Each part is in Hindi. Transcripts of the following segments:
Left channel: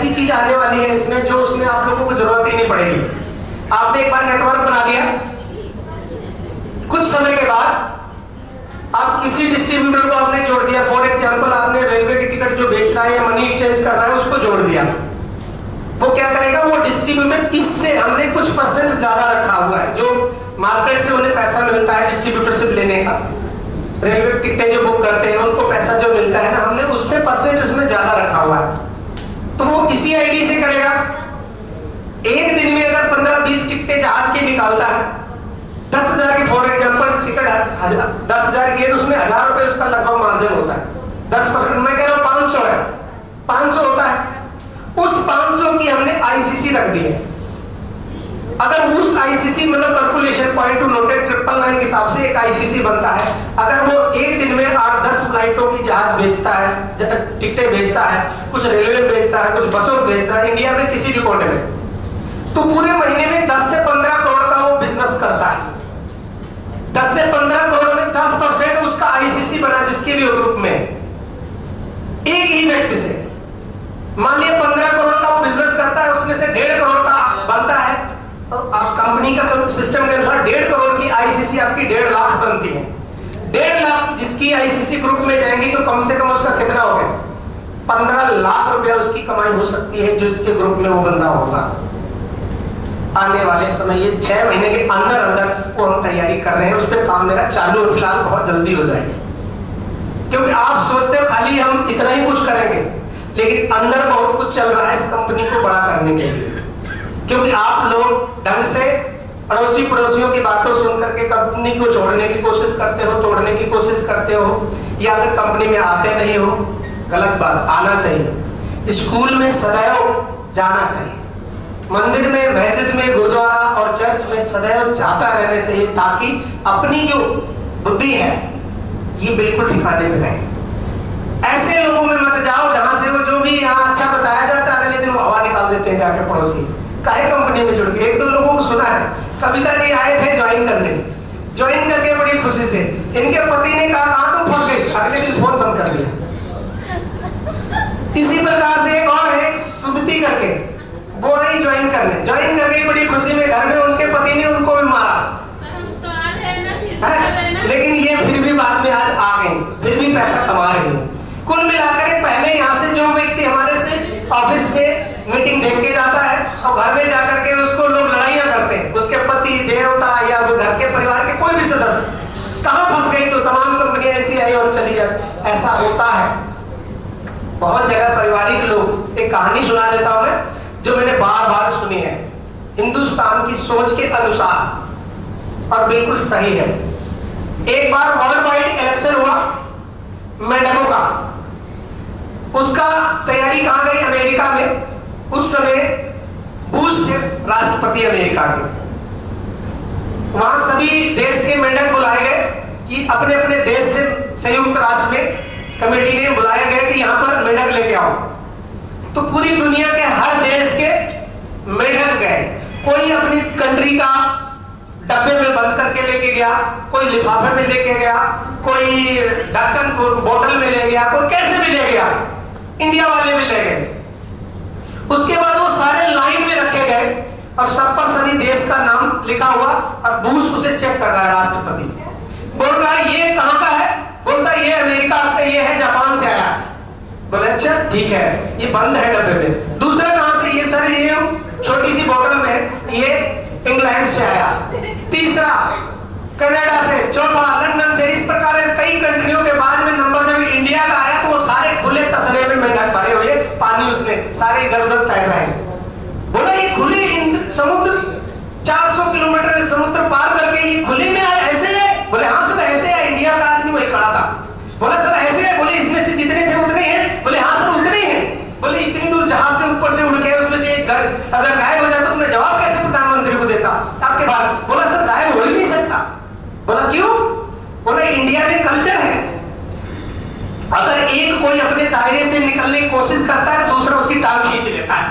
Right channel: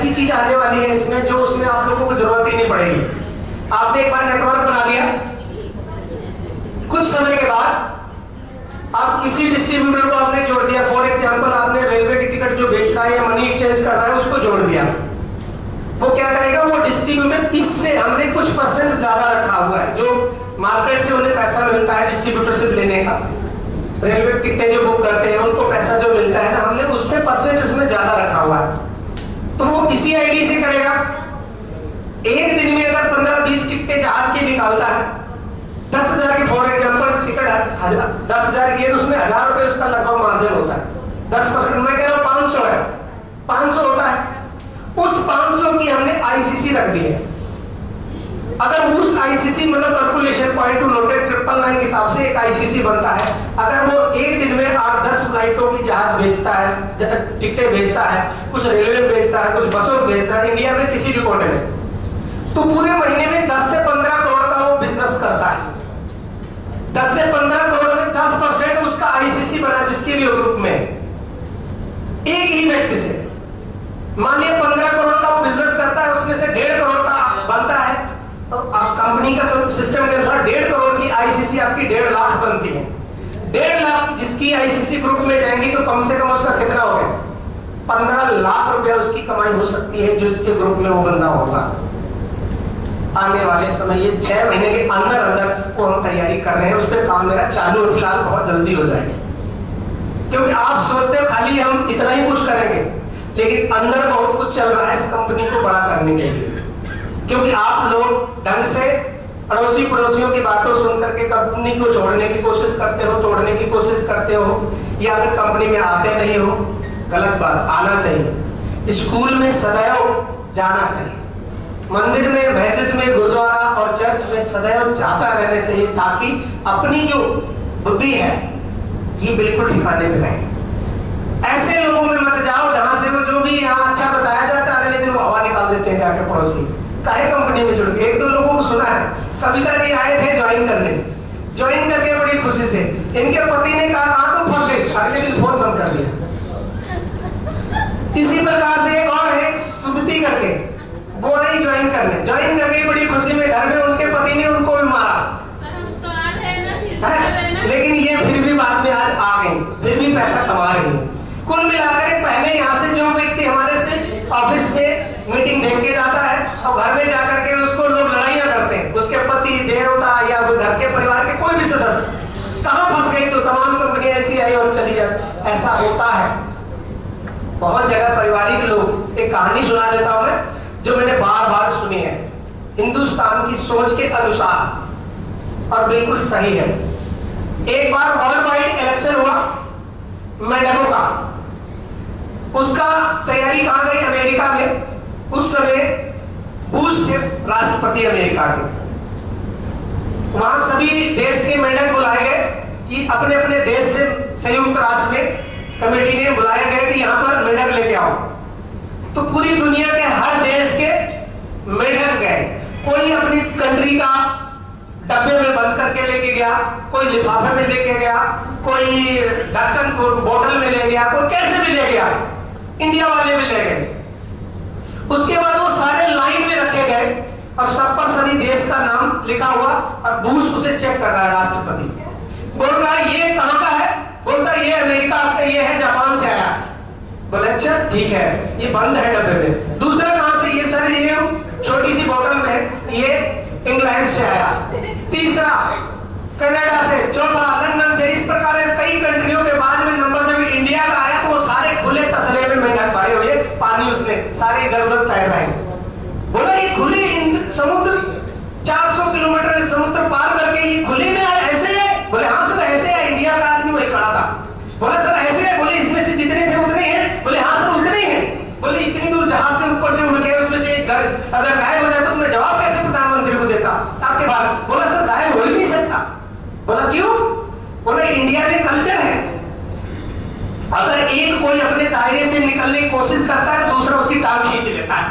ऐसी चीज आने वाली है इसमें जो उसमें आप लोगों को जरूरत ही नहीं पड़ेगी। आपने एक बार नेटवर्क बना दिया, कुछ समय के बाद आप किसी डिस्ट्रीब्यूटर को आपने जोड़ दिया। फॉर एग्जांपल आपने रेलवे की टिकट जो बेच रहा है या मनी एक्सचेंज कर रहा है उसको जोड़ दिया। वो क्या करेगा, वो डिस्ट्रीब्यूटर इससे हमने कुछ परसेंट ज्यादा रखा हुआ है, जो मार्केट से उन्हें पैसा मिलता है डिस्ट्रीब्यूटरशिप लेने का, रेलवे टिकटें जो बुक करते हैं उनको पैसा जो मिलता है ना, हमने उससे परसेंट इसमें ज्यादा रखा हुआ है। तो वो इसी आईडी से करेगा। एक दिन में अगर 15-20 टिकटें जहाज की निकालता है, 10,000 की फॉर एग्जांपल टिकट 10,000 की है, तो उसमें 1,000 रुपए उसका लगभग मार्जिन होता है। 10%, मैं कह रहा हूं 500 है, 500 होता है। उस 500 की हमने आईसीसी रख दी है। अगर उस आईसीसी मतलब कैलकुलेशन पॉइंट टू नोटेड 999 के हिसाब से एक आईसीसी बनता है। अगर वो एक दिन में 8-10 फ्लाइटों की जहाज बेचता है, टिकटें बेचता है, कुछ रेलवे बेचता है, कुछ बसों बेचता है इंडिया में किसी भी कोने में, तो पूरे महीने में 10 से 15 करोड़ का वो बिजनेस करता है। 10 से 15 करोड़ में 10% उसका आईसीसी बना, जिसके भी ग्रुप में एक ही व्यक्ति से मान लिया 15 करोड़ का वो बिजनेस करता है, उसमें से 1.5 करोड़ का बनता है, तो आप कंपनी का सिस्टम के अनुसार 1.5 करोड़ की आईसीसी आपकी 1.5 लाख बनती है। 1.5 लाख जिसकी आईसीसी ग्रुप में जाएंगी तो कम से कम उसका कितना हो गया, 15 लाख रुपया उसकी कमाई हो सकती है, जो इसके ग्रुप में वो बंदा होगा। आने वाले समय ये 6 महीने के अंदर अंदर वो हम तैयारी कर रहे हैं, उस पर काम मेरा चालू है, फिलहाल बहुत जल्दी हो जाएगा। क्योंकि आप सोचते हो खाली हम इतना ही कुछ करेंगे, लेकिन अंदर बहुत कुछ चल रहा है इस कंपनी को बड़ा करने के लिए। क्योंकि आप लोग ढंग से पड़ोसियों की बातों सुन करके कंपनी को छोड़ने की कोशिश करते हो, तोड़ने की कोशिश करते हो, या फिर कंपनी में आते नहीं हो। गलत बात, आना चाहिए। स्कूल में सदैव जाना चाहिए, मंदिर में, मस्जिद में, गुरुद्वारा और चर्च में सदैव जाता रहना चाहिए, ताकि अपनी जो बुद्धि है ये बिल्कुल ठिकाने में रहे। ऐसे लोगों में मत जाओ जहां से वो जो भी यहाँ अच्छा बताया जाता है अगले दिन वो हवा निकाल देते हैं जाके पड़ोसी। काहे कंपनी में जुड़ के, 1-2 लोगों को सुना है, कविता जी आए थे ज्वाइन करने, ज्वाइन करके बड़ी खुशी से इनके पति ने कहा कहां तुम फंस गए, अगले दिन फोन बंद कर दिया। इसी प्रकार से एक और है सुमति करके, वो आई ज्वाइन करके बड़ी खुशी में घर में उनके पति ने उनको भी मारा, लेकिन ये फिर भी बाद में आज आ गई, फिर भी पैसा कमा रही है। कुल मिलाकर पहले यहाँ से जो व्यक्ति हमारे से ऑफिस में मीटिंग देख के जाता है और घर में जाकर के उसको लोग लड़ाइयाँ करते हैं, उसके पति, देवता या घर के परिवार के कोई भी सदस्य कहाँ फंस गई, तो तमाम कंपनियां ऐसी आई और चली जाती। ऐसा होता है बहुत जगह। पारिवारिक लोग, एक कहानी सुना देता हूं मैं, जो मैंने बार बार सुनी है, हिंदुस्तान की सोच के अनुसार और बिल्कुल सही है। एक बार वर्ल्ड वाइड इलेक्शन हुआ मेंढकों का, उसका तैयारी कहां गई, अमेरिका में। उस समय बुश थे राष्ट्रपति अमेरिका के, वहां सभी देश के मेंढक बुलाए गए कि अपने अपने देश से संयुक्त राष्ट्र में कमेटी ने बुलाया गया कि यहां पर मेंढक लेके आओ। तो पूरी दुनिया के हर देश के मेंढक गए, कोई अपनी कंट्री का डब्बे में बंद करके लेके गया, कोई लिफाफे में लेके गया, कोई ढक्कन बोतल में ले गया, कोई कैसे भी ले गया, इंडिया वाले भी ले गए। उसके बाद वो सारे लाइन में रखे गए और सब पर सभी देश का नाम लिखा हुआ, और बुश उसे चेक कर रहा है, राष्ट्रपति बोल रहा है ये कहां का है, बोलता है ये अमेरिका का, ये है जापान से आया। बोले अच्छा ठीक है, ये बंद है डब्बे में। दूसरा कहां से, ये सर ये छोटी सी बोतल में, ये इंग्लैंड से आया। तीसरा कनाडा से, चौथा लंदन से। इस प्रकार कई कंट्रियों के बाद में नंबर जब इंडिया का आया तो वो सारे खुले तसले में मेंढक भरे हुए, पानी उसने सारे इधर उधर तैर रहे हैं। बोला ये खुले समुद्र 400 किलोमीटर समुद्र पार करके ये खुले में आया, ऐसे है? बोले हाँ सर ऐसे है। इंडिया का आदमी वही खड़ा था, बोला सर ऐसे है? बोले इसमें से जितने थे उतने हैं। बोले हाँ सर उतने ही हैं। बोले इतनी दूर जहाज से ऊपर से उड़ गए, उसमें से एक घर अगर गायब हो जाए तो मैं जवाब कैसे प्रधानमंत्री को देता आपके बाद? बोला सर गायब हो ही नहीं सकता। बोला क्यों? बोला इंडिया में कल्चर है, अगर एक कोई अपने दायरे से निकलने की कोशिश करता है तो दूसरा उसकी टांग खींच लेता है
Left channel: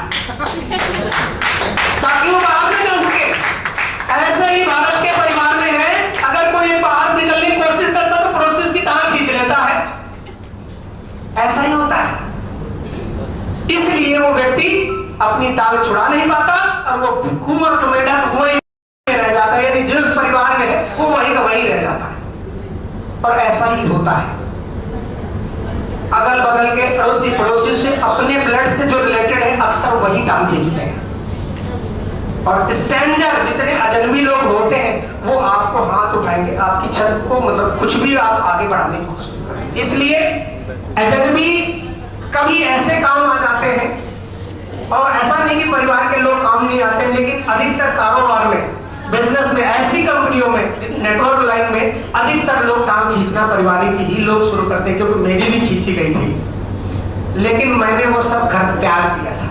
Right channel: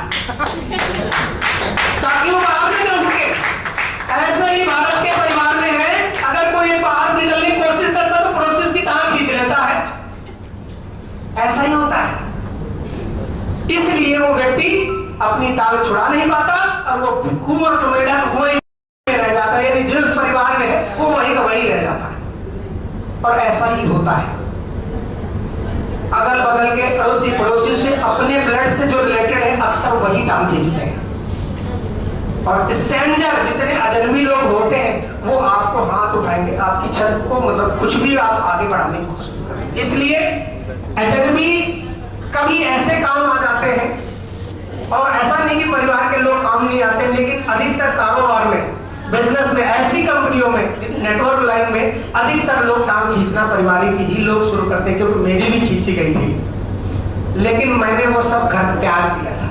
ताकि वो बाहर नहीं निकल सके। ऐसे ही भारत के परिवार में है, अगर कोई बाहर निकलने की कोशिश करता है तो पड़ोसी उसकी टांग खींच लेता है। ऐसा ही होता है। इसलिए वो व्यक्ति अपनी टांग छुड़ा नहीं पाता और वो कुआं कमेडा वहीं रह जाता है, यानी जिस परिवार में है वो वहीं का वहीं रह जाता है। और ऐसा ही होता है, अगल बगल के अड़ोसी पड़ोसी से अपने ब्लड से जो रिलेटेड है अक्सर वही टांग खींचते हैं। और स्ट्रेंजर जितने अजनबी लोग होते हैं वो आपको हाथ उठाएंगे, आपकी छत को मतलब कुछ भी आप आगे बढ़ाने की कोशिश करें। इसलिए अजनबी कभी ऐसे काम आ जाते हैं, और ऐसा नहीं कि परिवार के लोग काम नहीं आते, लेकिन अधिकतर कारोबार में, बिजनेस में, ऐसी कंपनियों में, नेटवर्क लाइन में अधिकतर लोग टांग खींचना पारिवारिक ही लोग शुरू करते हैं, क्योंकि मेरी भी खींची गई थी, लेकिन मैंने वो सब घर त्याग दिया था।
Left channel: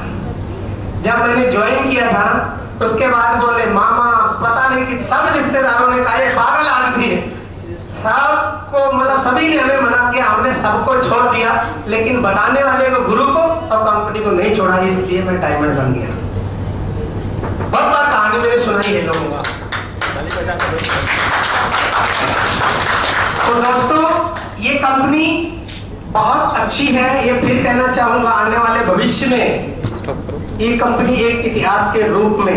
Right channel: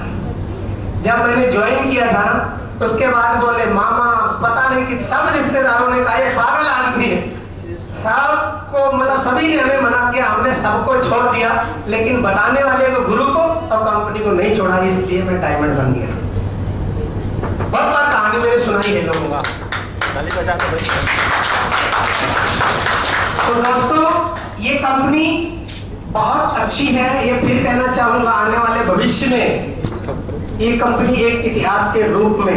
जब मैंने ज्वाइन किया था उसके बाद बोले मामा पता नहीं कि सब रिश्तेदारों ने कहा ये पागल आदमी है, सबको मतलब सभी ने हमें मना किया, हमने सबको छोड़ दिया, लेकिन बताने वाले को, गुरु को और कंपनी को नहीं छोड़ा, इसलिए मैं डायमंड बन गया। बहुत बार कहानी मैंने सुनाई है लोगों का। तो दोस्तों ये कंपनी बहुत अच्छी है, ये फिर कहना चाहूंगा आने वाले भविष्य में ये कंपनी एक इतिहास के रूप में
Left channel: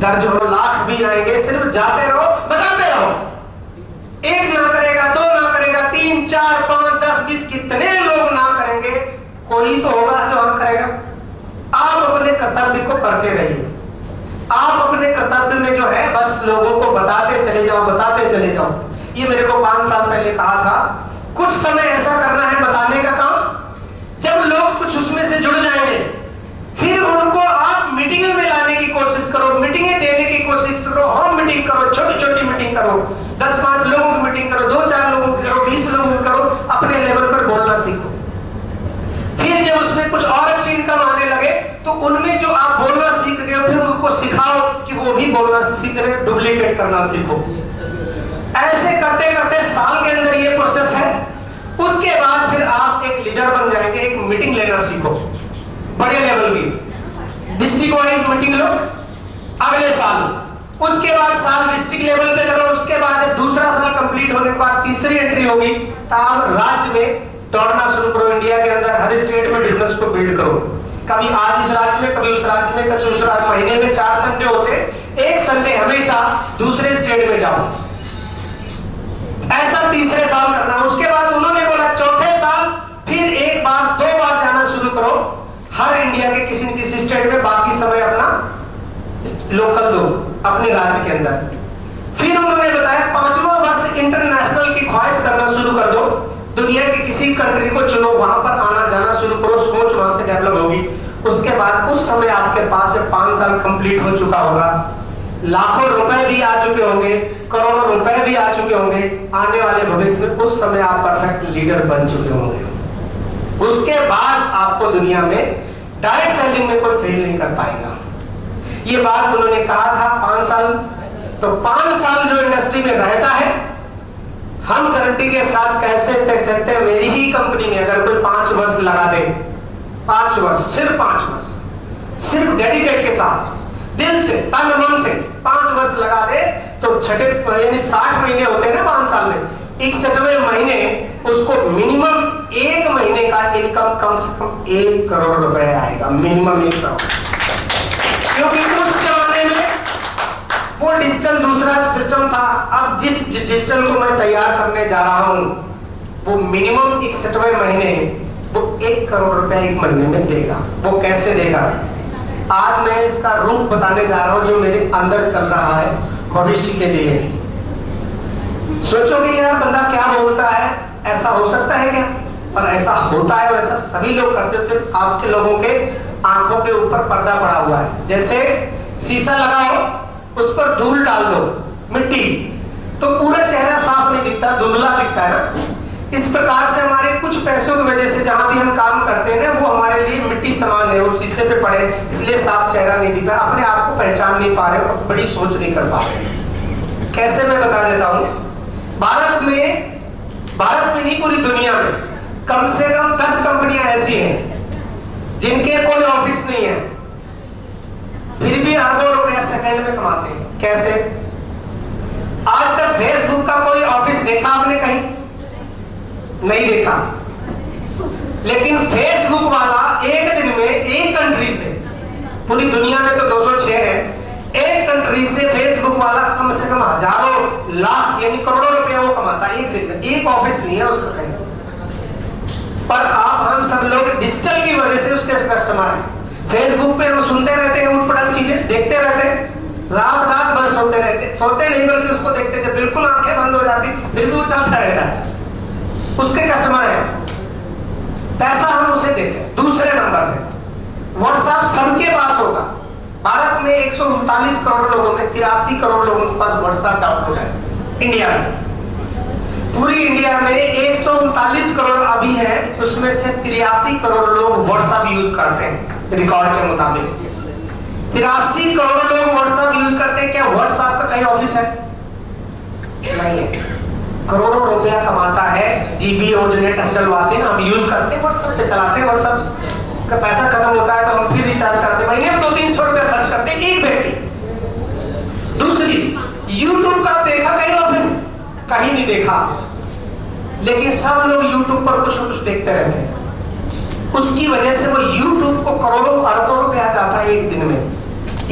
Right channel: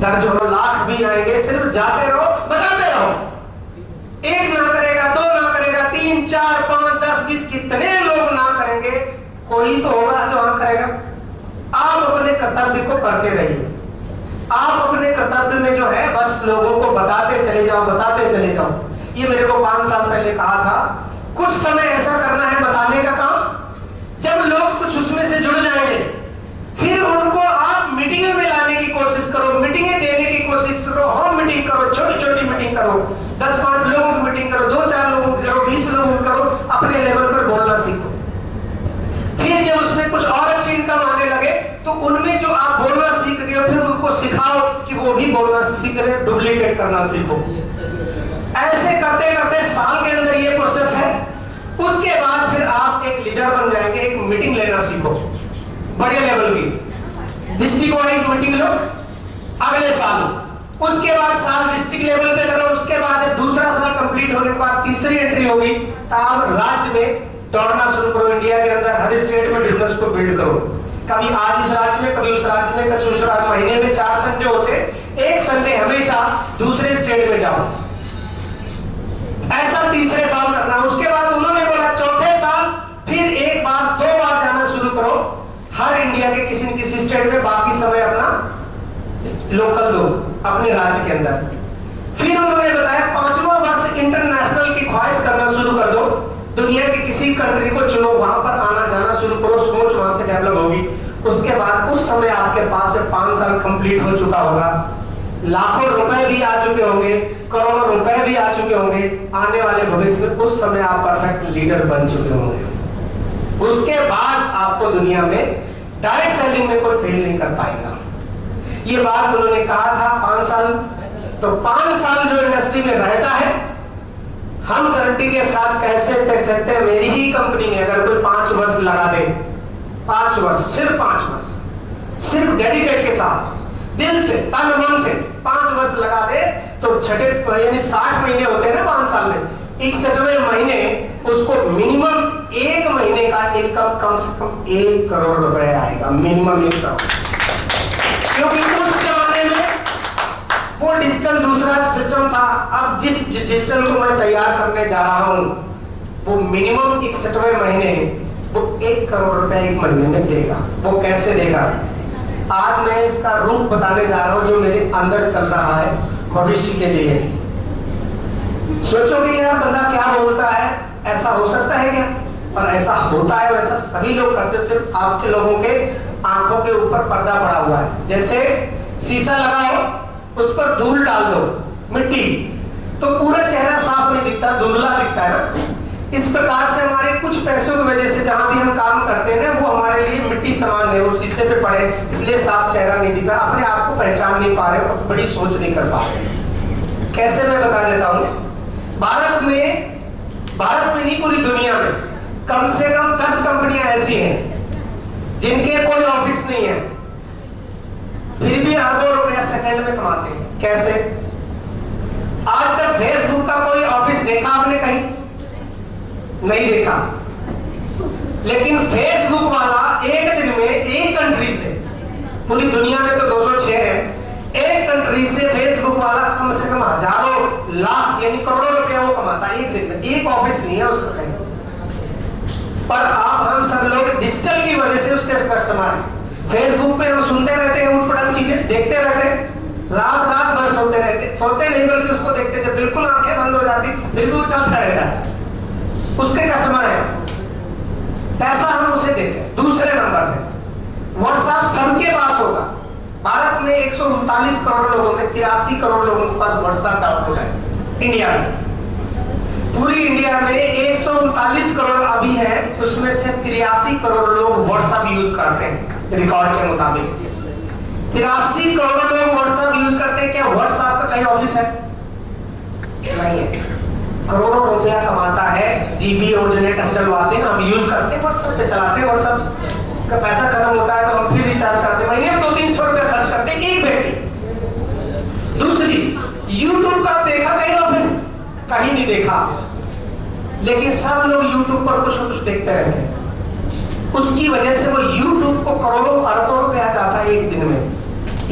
दर्ज हो, लाख भी आएंगे, सिर्फ जाते रहो बताते रहो, एक ना करेगा, दो ना करेगा, 3 4 5 10 20 कितने लोग ना करेंगे, कोई तो होगा जो हाँ करेगा। आप अपने कर्तव्य को करते रहिए, आप अपने कर्तव्य में जो है बस लोगों को बताते चले जाओ, बताते चले जाओ। ये मेरे को 5 साल पहले कहा था, कुछ समय ऐसा करना है बताने का काम, जब लोग कुछ उसमें से जुड़ जाएंगे, फिर उनको आप मीटिंग में लाने की कोशिश करो, मीटिंगें देने की कोशिश करो, होम मीटिंग करो, छोटी छोटी मीटिंग करो, 10-5 लोगों की मीटिंग करो, 2-4 लोगों की करो, 20 लोगों की करो, अपने लेवल पर बोलना सीखो। फिर जब उसमें कुछ और अच्छी इनकम आने लगे तो उनमें जो आप बोलना सीख गए फिर उनको सिखाओ कि वो भी बोलना सीख रहे, डुप्लीकेट करना सीखो। ऐसे करते करते साल के अंदर ये प्रोसेस है, उसके बाद फिर आप एक लीडर बन जाएंगे, एक मीटिंग लेना सीखो बड़े लेवल की, डिस्ट्रिक्ट वाइज मीटिंग लो अगले साल, उसके बाद साल डिस्ट्रिक्ट लेवल पे करो, उसके बाद दूसरा साल कंप्लीट होने के बाद तीसरी एंट्री होगी तो आप राज्य में दौड़ना शुरू करो, इंडिया के अंदर हर स्टेट में बिजनेस को बिल्ड करो। कभी आज इस राज्य में, कभी उस राज्य में, कभी उस राज्य, महीने में 4 संडे होते, एक संडे हमेशा दूसरे स्टेट में जाओ, ऐसा तीसरे साल करना। उसके बाद उन्होंने बोला चौथे साल फिर एक बार 2 बार जाना शुरू करो हर इंडिया के किसी न किसी स्टेट में, बाकी समय अपना लोकल दो अपने राज्य के अंदर। फिर उन्होंने बताया 5वां वर्ष इंटरनेशनल की ख्वाहिश करना शुरू कर दो, दुनिया के किसी कंट्री को चुनो, वहां पर आना जाना शुरू करो, सोच वहां से डेवलप होगी। उसके बाद उस समय आपके पास 5 साल कंप्लीट हो चुका होगा, लाखों रुपए भी आ चुके होंगे, करोड़ों रुपए भी आ चुके होंगे, आने वाले भविष्य में उस समय आप परफेक्ट लीडर बन चुके होंगे। उसके बाद आपको दुनिया में डायरेक्ट सेलिंग में कोई फेल नहीं कर पाएगा। ये बात उन्होंने कहा था 5 साल, तो 5 साल जो इंडस्ट्री में रहता है, हम गारंटी के साथ कैसे कह सकते हैं मेरी ही कंपनी में अगर कोई 5 वर्ष लगा दे, 5 वर्ष, सिर्फ 5 वर्ष, सिर्फ डेडिकेट के साथ, दिल से, तन मन से 5 वर्ष लगा दे, तो छठे यानी 60 महीने होते हैं ना 5 साल में, 61वें महीने उसको मिनिमम 1 महीने का इनकम कम से कम 1 करोड़ रुपए आएगा, मिनिमम 1 करोड़। क्योंकि उस जमाने में वो डिजिटल दूसरा सिस्टम था। अब जिस डिजिटल को मैं तैयार करने जा रहा हूं वो मिनिमम 61वें महीने वो 1 करोड़ रुपए 1 महीने में देगा। वो कैसे देगा, आज मैं इसका रूप बताने जा रहा हूं जो मेरे अंदर चल रहा है भविष्य के लिए। सोचोगे यार बंदा क्या बोलता है, ऐसा हो सकता है क्या? और ऐसा होता है, वैसा सभी लोग करते हैं, सिर्फ आपके लोगों के आंखों के ऊपर पर्दा पड़ा हुआ है। जैसे शीशा लगाओ, उस पर धूल डाल दो, मिट्टी, तो पूरा चेहरा साफ नहीं दिखता, धुंधला दिखता है ना। इस प्रकार से हमारे कुछ पैसों की वजह से जहां भी हम काम करते हैं ना, वो हमारे लिए मिट्टी समान है, वो शीशे पे पड़े, इसलिए साफ चेहरा नहीं दिख रहा, अपने आप को पहचान नहीं पा रहे हो, बड़ी सोच नहीं कर पा रहे। कैसे मैं बता देता हूं, भारत में नहीं पूरी दुनिया में कम से कम 10 कंपनियां ऐसी हैं जिनके कोई ऑफिस नहीं है, फिर भी अरबों रुपया सेकंड में कमाते हैं। कैसे? आज तक फेसबुक का कोई ऑफिस देखा आपने कहीं? नहीं देखा। लेकिन फेसबुक वाला एक दिन में एक कंट्री से पूरी दुनिया में तो 206 है। एक कंट्री से फेसबुक वाला कम से कम हजारों लाख यानी करोड़ों रुपया वो कमाता है एक दिन में। एक ऑफिस नहीं है उसका कहीं, पर आप हम सब लोग डिजिटल की वजह से उसके कस्टमर हैं। फेसबुक पे हम सुनते रहते हैं, उठपटांग चीजें देखते रहते हैं, रात भर सोते रहते, सोते नहीं बल्कि उसको देखते, जब बिल्कुल आंखें बंद हो जाती फिर भी वो चलता रहता है, उसके कस्टमर है, पैसा हम उसे देते हैं। दूसरे नंबर पे व्हाट्सएप सबके पास होगा। भारत में 139 करोड़ लोगों में 83 करोड़ लोगों के पास व्हाट्सएप डाउनलोड है इंडिया में। पूरी इंडिया में 139 करोड़ अभी है, उसमें से 83 करोड़ लोग व्हाट्सएप यूज करते हैं रिकॉर्ड के मुताबिक। 83 करोड़ लोग व्हाट्सएप यूज करते हैं। क्या व्हाट्सएप का कहीं ऑफिस है? नहीं है। करोड़ों रुपया कमाता है, जीबी और नेट हम डलवाते हैं, हम यूज करते हैं, व्हाट्सएप पे चलाते हैं, व्हाट्सएप का पैसा खत्म होता है तो हम फिर रिचार्ज करते हैं, महीने में 200-300 रुपया खर्च करते हैं एक व्यक्ति। दूसरी, यूट्यूब का देखा कहीं ऑफिस? कहीं नहीं देखा, लेकिन सब लोग यूट्यूब पर कुछ न कुछ देखते रहते हैं। उसकी वजह से वो यूट्यूब को करोड़ों अरबों रुपया जाता है एक दिन में,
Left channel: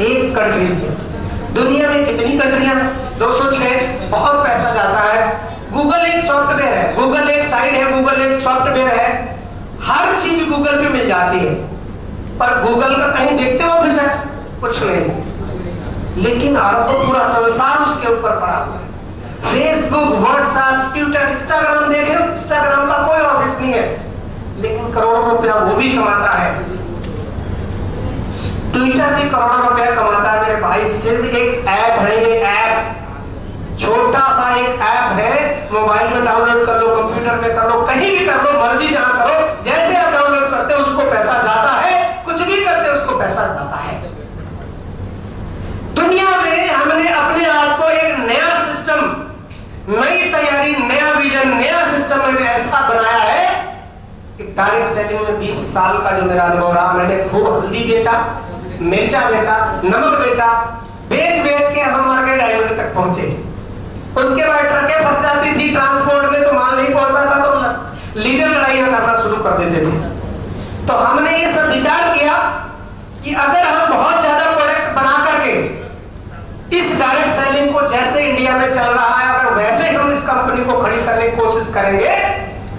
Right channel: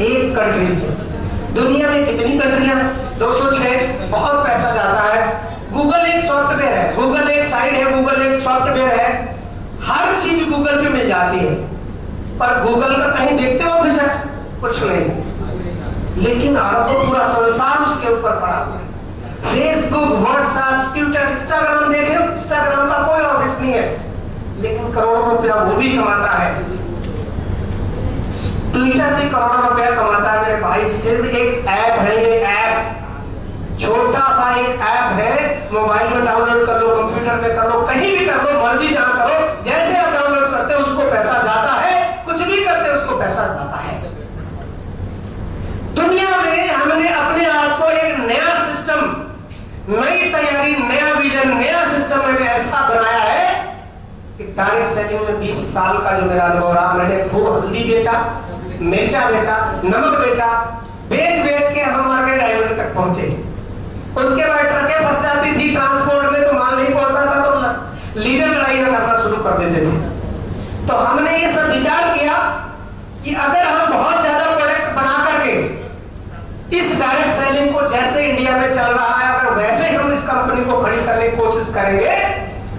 एक कंट्री से। दुनिया में कितनी कंट्रियां हैं? 206, बहुत पैसा जाता है। गूगल एक सॉफ्टवेयर है, गूगल एक साइट है, गूगल एक सॉफ्टवेयर है, हर चीज गूगल पे मिल जाती है, पर गूगल का कहीं देखते हो ऑफिस है? कुछ नहीं। लेकिन अरबों पूरा संसार उसके ऊपर पड़ा हुआ है। फेसबुक, व्हाट्सएप, ट्विटर, इंस्टाग्राम देखे, इंस्टाग्राम का कोई ऑफिस नहीं है, लेकिन करोड़ों रुपया वो भी कमाता है। ट्विटर भी करोड़ों रुपया कमाता है मेरे भाई। सिर्फ एक ऐप है, ये ऐप छोटा सा एक ऐप है, मोबाइल में डाउनलोड कर लो, कंप्यूटर में कर लो, कहीं भी कर लो, मर्जी जहां करो, जैसे आप डाउनलोड करते हो उसको पैसा जाता है, कुछ भी करते हो उसको पैसा जाता है। दुनिया में हमने अपने आप को एक नया सिस्टम, नई तैयारी, नया विजन, नया सिस्टम मैंने ऐसा बनाया है कि डायरेक्ट सेलिंग में 20 साल का जो मेरा अनुभव रहा, मैंने खूब हल्दी बेचा, मिर्चा बेचा, नमक बेचा, बेच के हम मार्केट डायमंड तक पहुंचे। उसके बाद ट्रकें फंस जाती थी ट्रांसपोर्ट में, तो माल नहीं पहुंचता था, तो लीडर लड़ाइयां करना शुरू कर देते थे। तो हमने ये सब विचार किया कि अगर हम बहुत ज्यादा प्रोडक्ट बना करके इस डायरेक्ट सेलिंग को जैसे इंडिया में चल रहा है, अगर वैसे हम इस कंपनी को खड़ी करने की कोशिश करेंगे,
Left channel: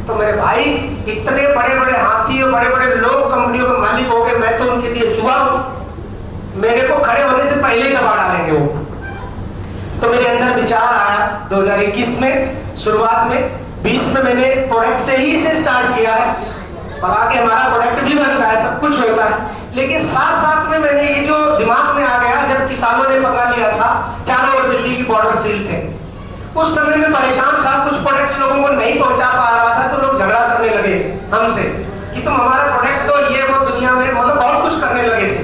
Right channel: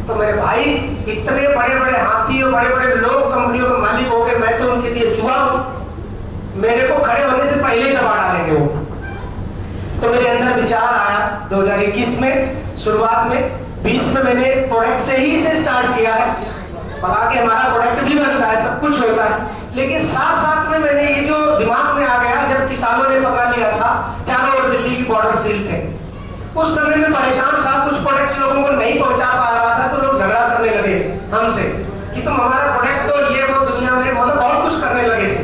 तो मेरे भाई इतने बड़े बड़े हाथी और बड़े बड़े लोग कंपनियों के मालिक हो गए, मैं तो उनके लिए जुआ हूं, मेरे को खड़े होने से पहले ही दबा डालेंगे वो। तो मेरे अंदर विचार आया 2021 में, शुरुआत में 20 में मैंने प्रोडक्ट से ही इसे स्टार्ट किया है। हालांकि हमारा प्रोडक्ट भी बनता है, सब कुछ होता है, लेकिन साथ साथ में मैंने ये जो दिमाग में आ गया, जब किसानों ने पकड़ा लिया था, चारों ओर दिल्ली की बॉर्डर सील थे, उस समय में परेशान था, कुछ प्रोडक्ट लोगों को नहीं पहुंचा पा रहा था, तो लोग झगड़ा करने लगे हमसे कि तुम हमारा प्रोडक्ट तो ये वो, दुनिया में मतलब बहुत कुछ करने लगे थे।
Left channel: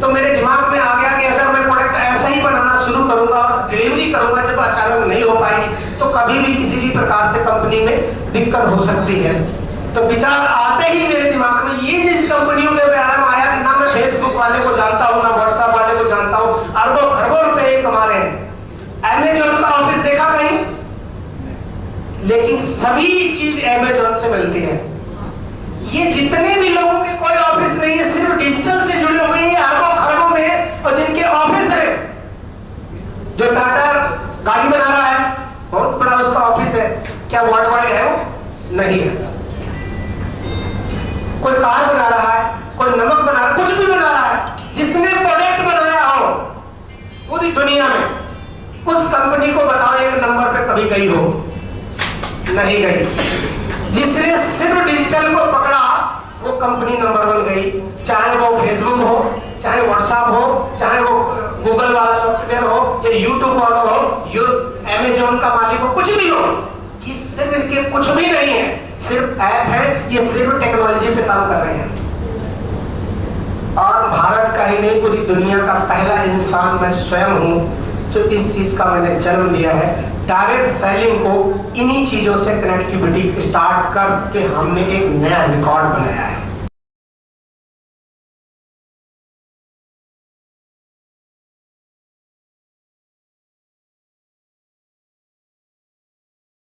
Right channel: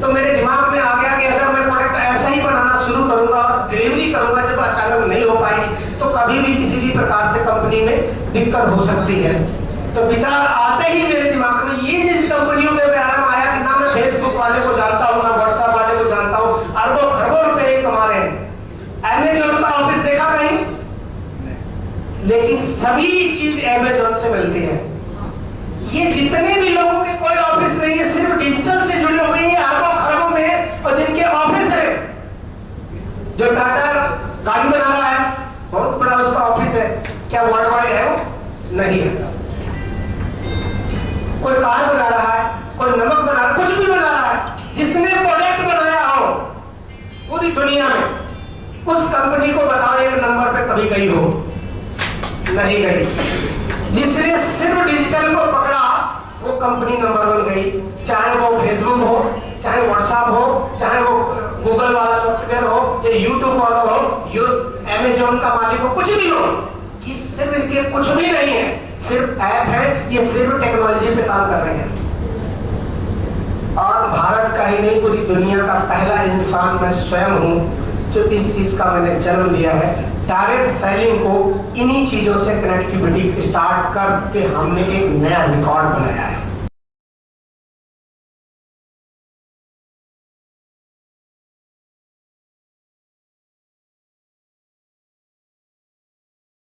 तो मेरे दिमाग में आ गया कि अगर मैं प्रोडक्ट ऐसा ही बनाना शुरू करूंगा और डिलीवरी करूंगा, जब अचानक नहीं हो पाएगी तो कभी भी किसी भी प्रकार से कंपनी में दिक्कत हो सकती है। तो विचार आते ही मेरे दिमाग में ये जिन कंपनियों में आराम आया कि ना मैं फेसबुक वाले को जानता हूँ, ना व्हाट्सएप वाले को जानता हूँ, अरबों खरबों रुपए कमा रहे हैं। अमेजॉन का ऑफिस देखा कहीं? लेकिन सभी चीज अमेजॉन से मिलती है। ये जितने भी लोगों के कोई ऑफिस नहीं है, सिर्फ डिजिटल से जुड़े हुए हैं अरबों खरबों में, और जिनके ऑफिस है, जो टाटा गाड़ी बना रहा है, बहुत बड़ा उसका ऑफिस है, क्या वर्ल्ड वाइड है वो? नहीं है। कोई कार बना रहा है, कोई नमक बना रहा है, कुछ भी बना रहा है, जिसने प्रोडक्ट बनाया हो पूरी दुनिया में, उस कंपनी को बताओ एक नंबर पे कभी गई हो? नहीं गई। जिसने सिर्फ डिजिटल को पकड़ा वो कंपनी नंबर 1 गई, चाहे वो फेसबुक हो, चाहे व्हाट्सएप हो, चाहे वो गूगल वाला सॉफ्टवेयर हो, या यूट्यूब वाला हो, अमेजॉन का मालिक हो, कुछ भी हो, कि सिर्फ इनके कुछ भी नहीं है, सिर्फ ऐप है, ये सिर्फ टेक्नोलॉजी पे काम कर रहे हैं। और भारत का ही नहीं, पूरी दुनिया का पहला इंसान मैं स्वयं हूं जो इस चीज का मैंने जन्म दिया है। डायरेक्ट सेलिंग को इन्हीं चीजों से कनेक्टिविटी स्टार्ट करके हमने एक नया रिकॉर्ड बनाया है।